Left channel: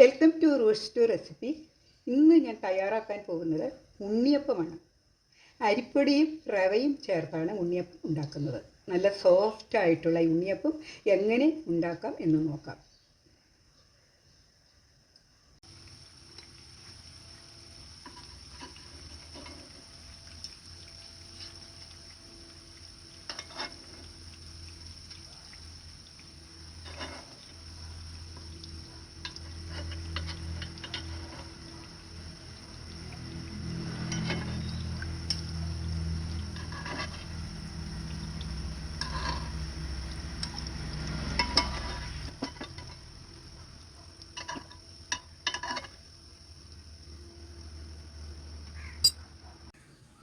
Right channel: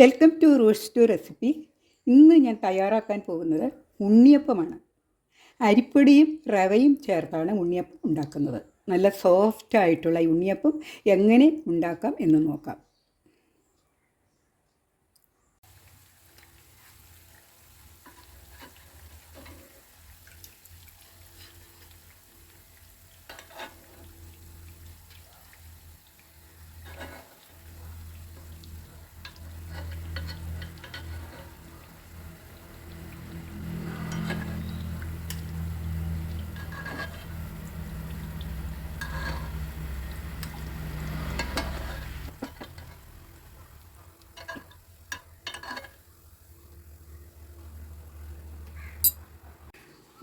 Welcome to roots to recipe. ഇന്ന് ഞാൻ തയ്യാറാക്കാൻ പോകുന്നത് ഉണ്ണിയപ്പമാണ്. അരിപ്പൊടിയും റവയും ചേർത്താണ് ഉണ്ണിയപ്പം ഉണ്ടാക്കുന്നത്. നല്ല സോഫ്റ്റായിട്ടുള്ള ഉണ്ണിയപ്പം എങ്ങനെ ഉണ്ടാക്കാം എന്ന് നോക്കാം.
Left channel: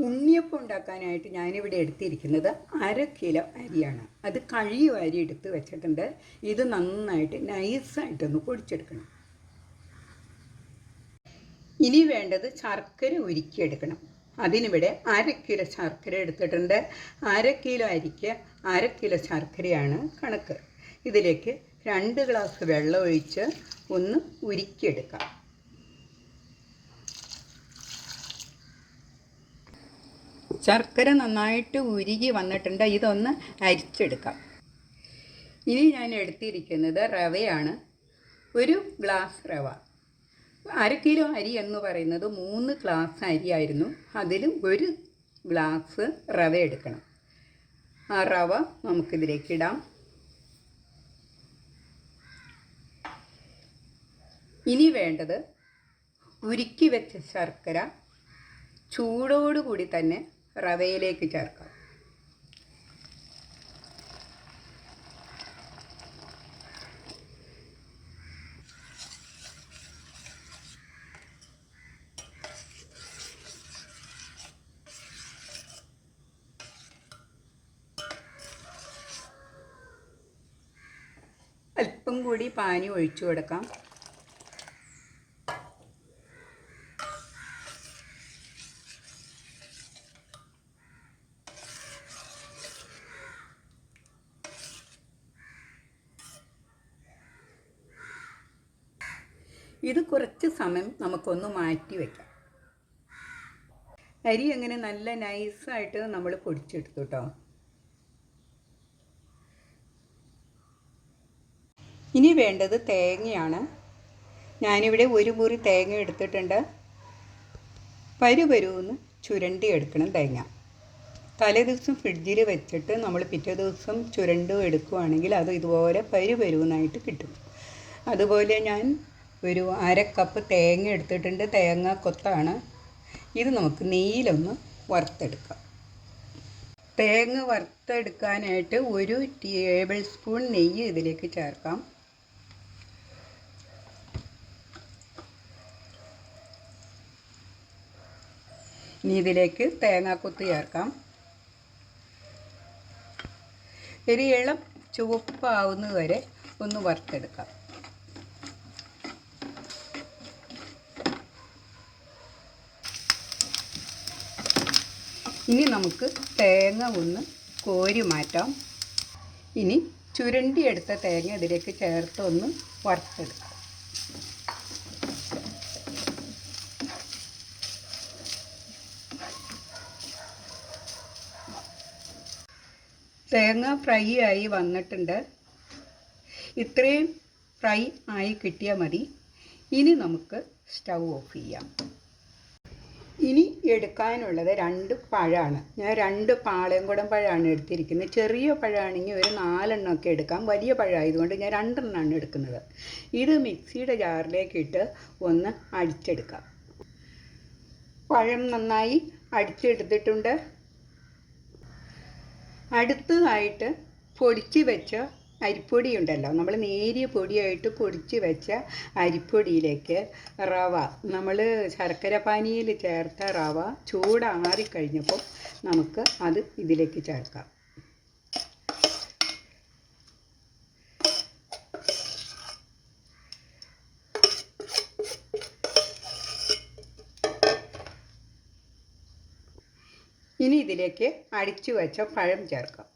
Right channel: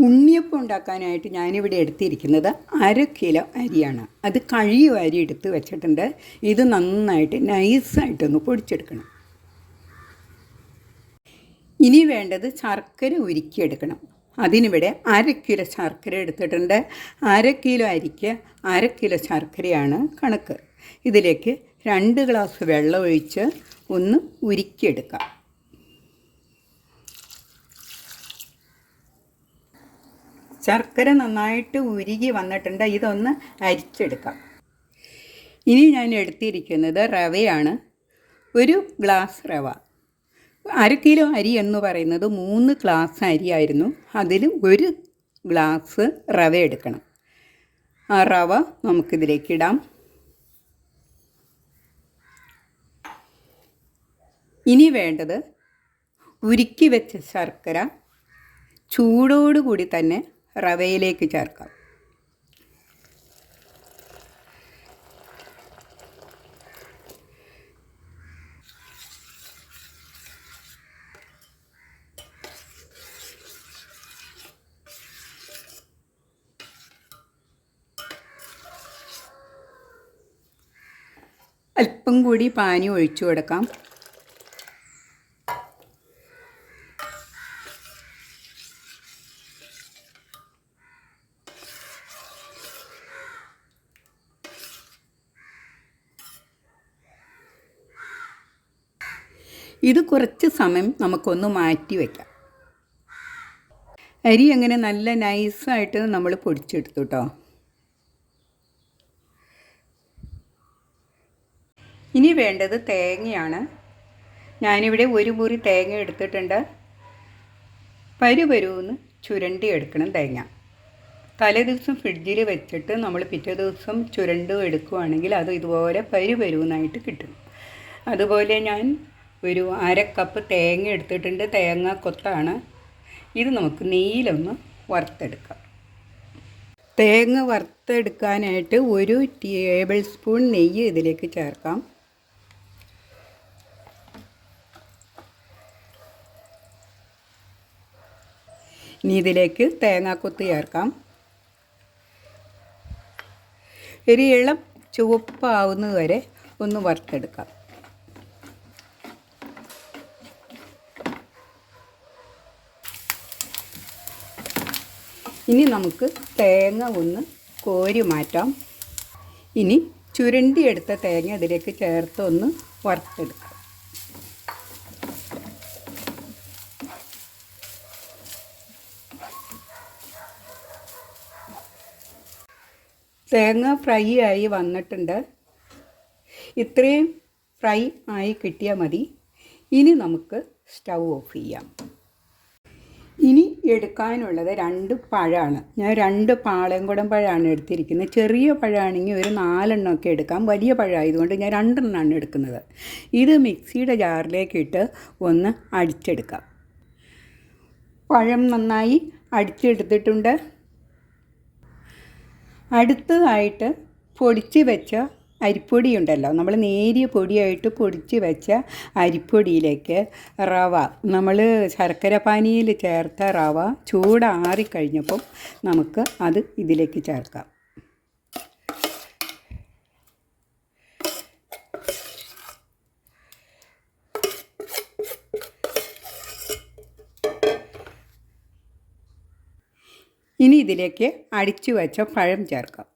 ഉണ്ണിയപ്പം ഉണ്ടാക്കാനായിട്ട് ഞാനിവിടെ എടുത്തിരിക്കുന്നത് 1/2 കിലോ അരിയാണ്. അത് കഴിയും അരി എടുത്ത് വെച്ചിട്ടുണ്ട്. ഇത് നന്നായിട്ട് നൈസായിട്ടൊന്ന് പൊടിച്ചെടുക്കണം. ഇനി വേണ്ടത് ശർക്കര ഉരുക്കിയെടുക്കണം. അതിനിവിടെ 1/2 കിലോ ശർക്കര എടുത്തിട്ടുണ്ട്. 1/2 കിലോ അരിക്ക് 1/2 കിലോ ശർക്കരയാണ് കണക്ക്. ഇതിലേക്ക് 2 ഗ്ലാസ് വെള്ളം ഒഴിച്ച് ഒന്ന് ഉരുക്കിയെടുക്കാം. ശർക്കര നന്നായിട്ട് ഉരുകി വന്നിട്ടുണ്ട്. ഇതൊന്ന് അരിച്ചെടുക്കാം. ഇനി ഞാൻ എടുത്തിരിക്കുന്നത് റവയാണ്. 1 ഗ്ലാസ് റവ. 1/2 കിലോ അരി എന്ന് പറയുന്നത് 3 ഗ്ലാസ് അരിയായിരുന്നു. അതിൽ 1 ഗ്ലാസ് റവ എടുക്കണം. ആ റവ നമുക്കിതിലേക്ക് ഇടാം. ഇനി വേണ്ടത് ഉരുക്കി വെച്ച ശർക്കര ചൂടോടുകൂടി തന്നെ റവയിലേക്ക് ചേർക്കാം. അല്പം കൂടി പാനി ഒഴിച്ചു കൊടുക്കാം. ഇത് കുറച്ച് സമയം നമുക്കൊന്ന് മാറ്റി വയ്ക്കാം. അരി അങ്ങനെ നല്ല നൈസായിട്ട് നമ്മൾ പൊടിച്ചെടുത്തു കേട്ടോ. ഇനി വേണ്ടത് തേങ്ങയാണ്. ഞാനിവിടെ 1 മുറി തേങ്ങ എടുത്തിട്ടുണ്ട്. പരുപരുന്ന് ചുരണ്ടി എടുക്കണം തേങ്ങ. തലേ ദിവസം ഫ്രിഡ്ജിൽ വെച്ചിട്ട് നമ്മൾ പിറ്റേ ദിവസം ചുരണ്ടും എടുക്കുകയാണെങ്കിൽ അത് ഇതുപോലെ പരുപരുന്നായിട്ട് കിട്ടും. അതുപോലെ ഞാൻ 1/2 കപ്പ് തേങ്ങ എടുത്തിട്ടുണ്ട്. തേങ്ങ കൊത്താണ്. ഇത് നമുക്ക് നെയ്യിലൊന്ന് വറുത്തെടുക്കാം. തേങ്ങ വറുത്തെടുക്കാനായിട്ട് 1 ടേബിൾ സ്പൂൺ നെയ്യ് ഇതിലേക്ക് ചേർക്കാം. ഇനി ഇതിലേക്ക് തേങ്ങാക്കൊത്ത് ചേർക്കാം. ഒരു ഇളം ചുവപ്പാവുന്നത് വരെ ഒന്ന് വറുത്തെടുക്കാം. ഇനി നമുക്ക് തേങ്ങ ഒന്ന് കോരി മാറ്റാം. ഇനി ചുരണ്ടിയെടുത്ത തേങ്ങ അതിലേക്ക് ചേർത്ത് ഒന്ന് വറുത്തെടുക്കാം. തേങ്ങ ഫ്രൈ ആയി വന്നിട്ടുണ്ട്. ഇത്രയും ഫ്രൈ ആയി കിട്ടിയാൽ മതി. ഇനി നമുക്ക് സ്റ്റൗ ഓഫ് ചെയ്യാം. ഇനി എടുക്കാനുള്ളത് 2 പഴമാണ്. ഞാൻ 2 പാളയംകുടം പഴമാണ് എടുത്തിരിക്കുന്നത്. ചെറിയ പഴമാണെങ്കിൽ ഒരു 4 എണ്ണമൊക്കെ എടുക്കാം. വലിയ പഴമായതുകൊണ്ട് ഞാൻ 2 എണ്ണമാണ് എടുക്കുന്നത്. ഇത് മിക്സിയുടെ ജാറിലേക്ക് ഇട്ട് ഒന്ന് അടിച്ചെടുക്കാം. പഴം നന്നായി അടിച്ചെടുത്തിട്ടുണ്ട്. അടുത്തതായിട്ട് പൊടിച്ച് വെച്ച അരിപ്പൊടി ഉണ്ടല്ലോ, നമ്മൾ നേരിയ പൊടിയായിട്ട് പൊടിച്ച് വെച്ച അരിപ്പൊടിയിലേക്ക് റവ, നമ്മൾ ശർക്കര പാനിയിൽ ചേർത്ത റവ ചൂടാറിക്കഴിഞ്ഞപ്പോൾ നമുക്ക് അത് ഇതിലേക്ക് ചേർക്കാം. ഇനി ഇതിലേക്ക് അടിച്ചു വെച്ച പഴം ചേർക്കാം.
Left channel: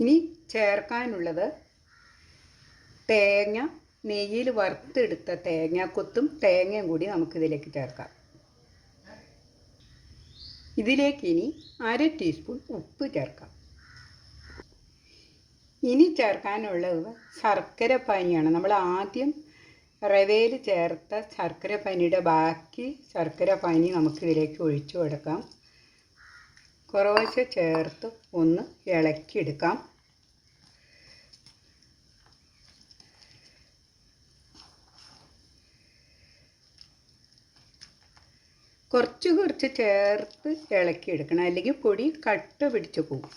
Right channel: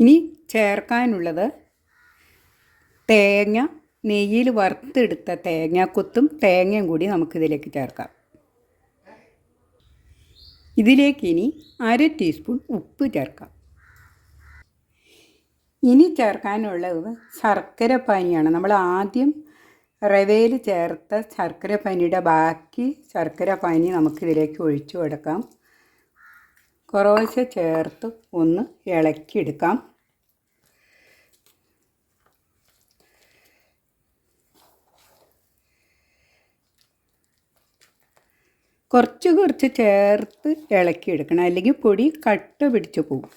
ഇനി ചേർക്കാനുള്ളത് തേങ്ങ, നെയ്യിൽ വറുത്തെടുത്ത തേങ്ങാക്കൊത്തും തേങ്ങയും കൂടി നമുക്കിതിലേക്ക് ചേർക്കാം. ഇതിലേക്ക് ഇനി 1/2 ടീസ്പൂൺ ഉപ്പ് ചേർക്കാം. ഇനി ചേർക്കാനുള്ളത് ശർക്കര പാനിയാണ്. നമ്മൾ ആദ്യം റവയിൽ ചേർത്ത ശർക്കര പാനിയുടെ ബാക്കി ശർക്കര പാനി നമുക്കിതിലേക്ക് ഒഴിച്ചു കൊടുക്കാം. കുറേശ്ശെ ചേർത്ത് ഒന്ന് ഇളക്കിയെടുക്കാം. കുറച്ച് ചേർത്ത് ഇളക്കിയെടുക്കണം, അല്ലെങ്കിൽ പൊടി കട്ട പിടിച്ച് പോകും.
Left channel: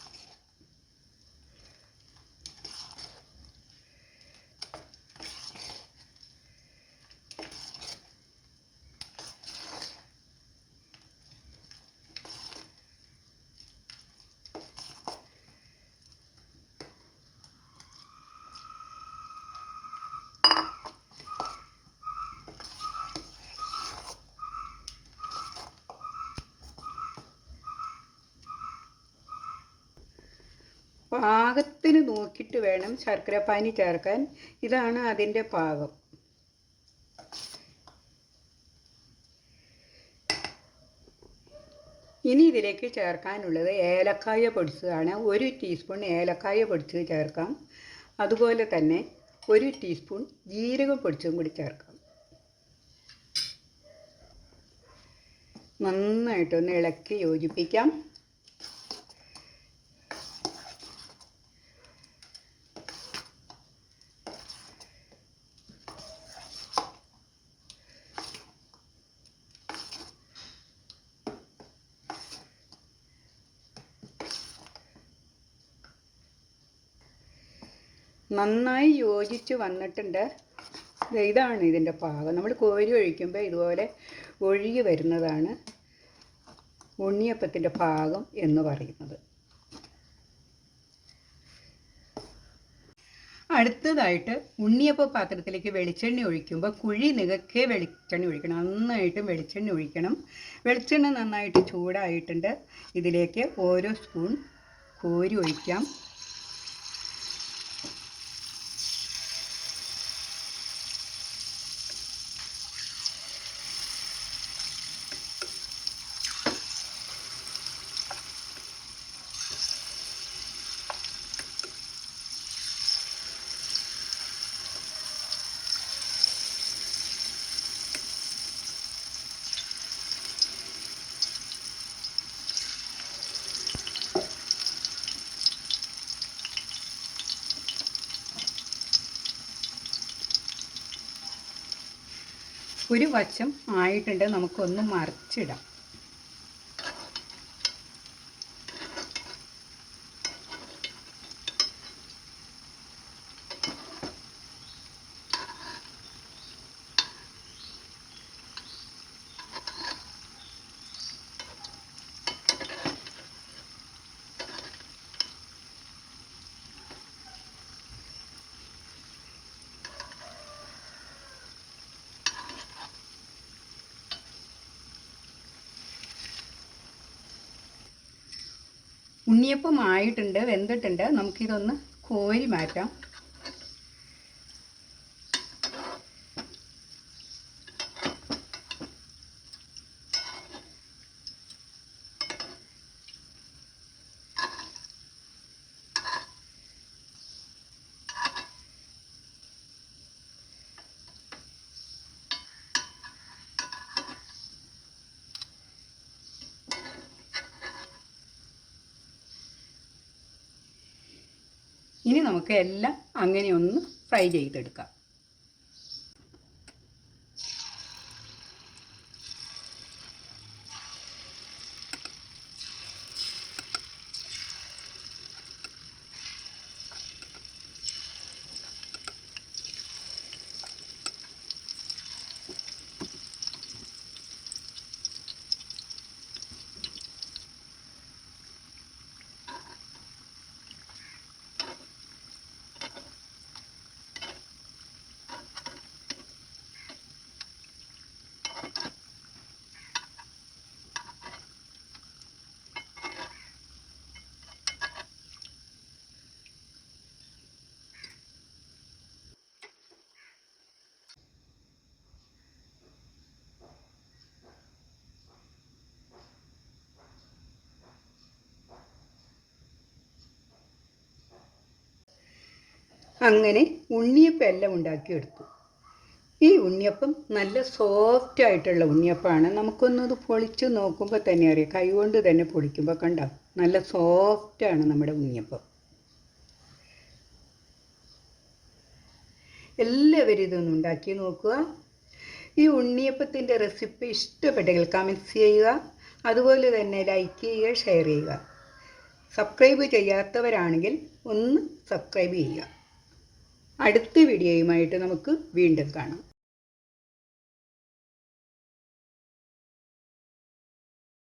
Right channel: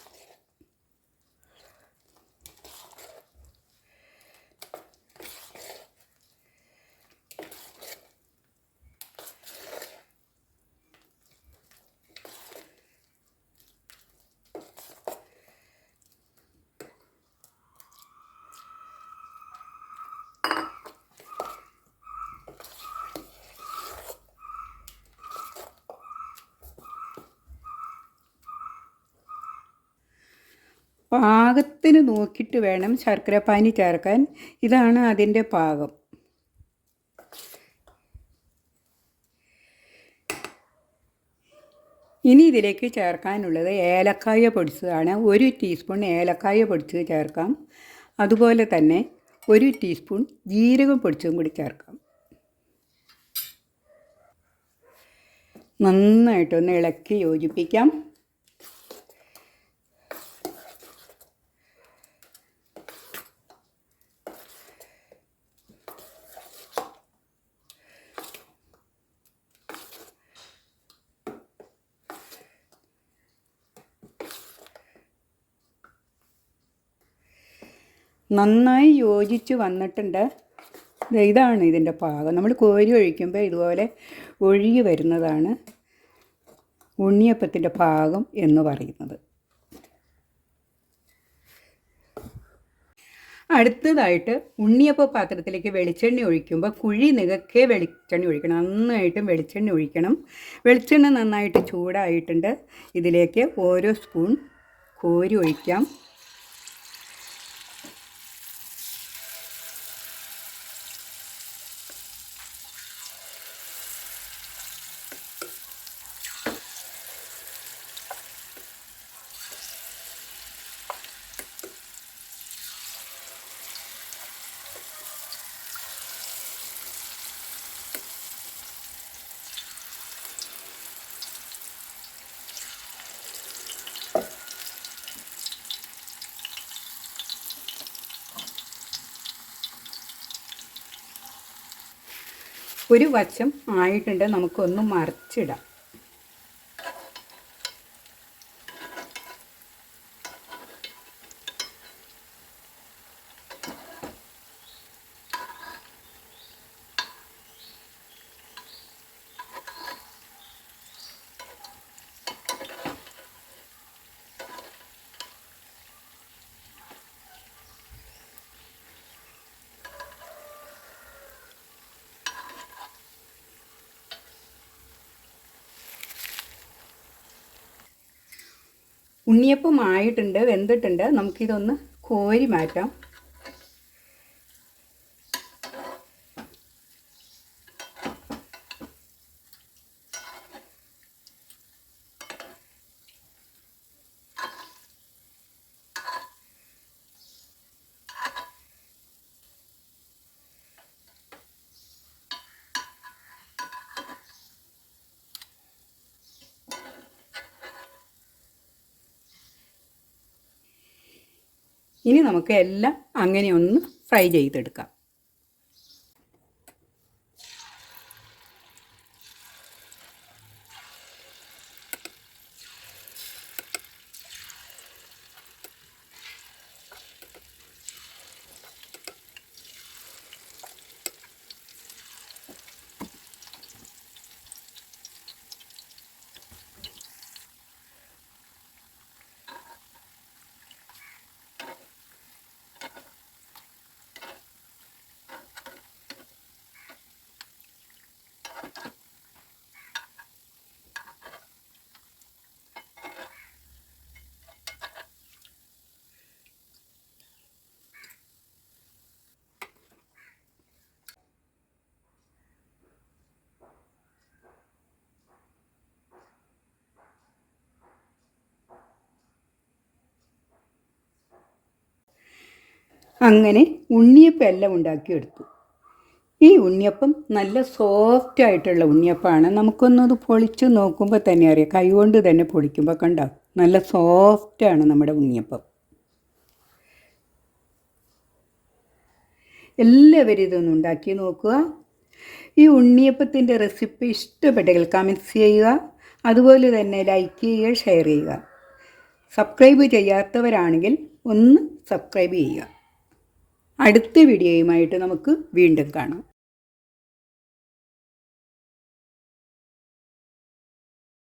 പാകത്തിന് നോക്കിയിട്ട് വേണം ശർക്കര പാനി ചേർക്കാൻ. ഇതാണ് അതിൻ്റെ പാകം. ഇനി ഇതിലേക്ക് ചേർക്കാനുള്ളത് ഏലക്കായ പൊടിച്ചതാണ്. 1 ടീസ്പൂൺ ഏലക്കായ പൊടിച്ചത് ചേർക്കാം. അതുപോലെ തന്നെ 1 ടീസ്പൂൺ ജീരകം പൊടിച്ചതും കൂടി ചേർക്കാം. നന്നായിട്ടൊന്ന് ഇളക്കി യോജിപ്പിക്കാം. നന്നായി യോജിച്ച് വന്നിട്ടുണ്ട്. ഇതാണ് ഇതിൻ്റെ പാകം. നമ്മൾ കോരി ഒഴിക്കുമ്പോൾ ഇതുപോലെ ഒഴുകി വരുന്നതാണ് ഉണ്ണിയപ്പത്തിൻ്റെ പാകം എന്ന് പറയുന്നത്. അടുത്തതായിട്ട് ഉണ്ണിയപ്പ പാത്രത്തിലേക്ക് വെളിച്ചെണ്ണ ഒഴിക്കുമ്പോൾ കുഴി നികക്കെ വെളിച്ചെണ്ണ ഒഴിക്കണം. നന്നായിട്ടും വെളിച്ചെണ്ണ ഒഴിക്കണം. വെളിച്ചെണ്ണ നന്നായിട്ട് ചൂടായിട്ടുണ്ട്. ഇതിലേക്ക് ഓരോ സ്പൂൺ കോരി ഒഴിക്കാം. ഒരു വശം ആയിട്ടുണ്ട്. നമുക്കൊന്ന് മറിച്ചിടാം. ഉണ്ണിയപ്പം ആയിട്ടുണ്ട്, വെന്തിട്ടുണ്ട്. നമുക്കിതൊന്ന് കോരി മാറ്റാം. ഇനി നമുക്ക് എല്ലാം അങ്ങനെ ഒന്ന് ഫ്രൈ ചെയ്തെടുക്കാം. അങ്ങനെ ഉണ്ണിയപ്പം എല്ലാം ഉണ്ടാക്കിയെടുത്തു. ഈ ഉണ്ണിയപ്പം നല്ല സോഫ്റ്റായിട്ടുള്ള ഉണ്ണിയപ്പമാണ്. നമുക്കൊന്നത് പൊളിച്ച് നോക്കുമ്പോൾ തന്നെ അറിയാം, കൈകൊണ്ട് തന്നെ പൊളിക്കുമ്പോൾ കണ്ടോ നല്ല സോഫ്റ്റാണ് നമ്മുടെ ഉണ്ണിയപ്പം. എല്ലാവരും ഇതൊന്ന് ഉണ്ടാക്കി നോക്കുക. ഈ ഉണ്ണിയപ്പത്തിൻ്റെ റെസിപ്പി ഇഷ്ടപ്പെട്ടെങ്കിൽ കമൻറ്റ്സ് ചെയ്യുക. അതുപോലെ തന്നെ ലൈക്ക് ചെയ്യുക, ഷെയർ ചെയ്യുക. സബ്സ്ക്രൈബ് ചെയ്യാത്തവരാണെങ്കിൽ ഒന്ന് സബ്സ്ക്രൈബ് ചെയ്യുക. അടുത്ത വീഡിയോയുമായിട്ട് നമുക്ക് വീണ്ടും കാണാം.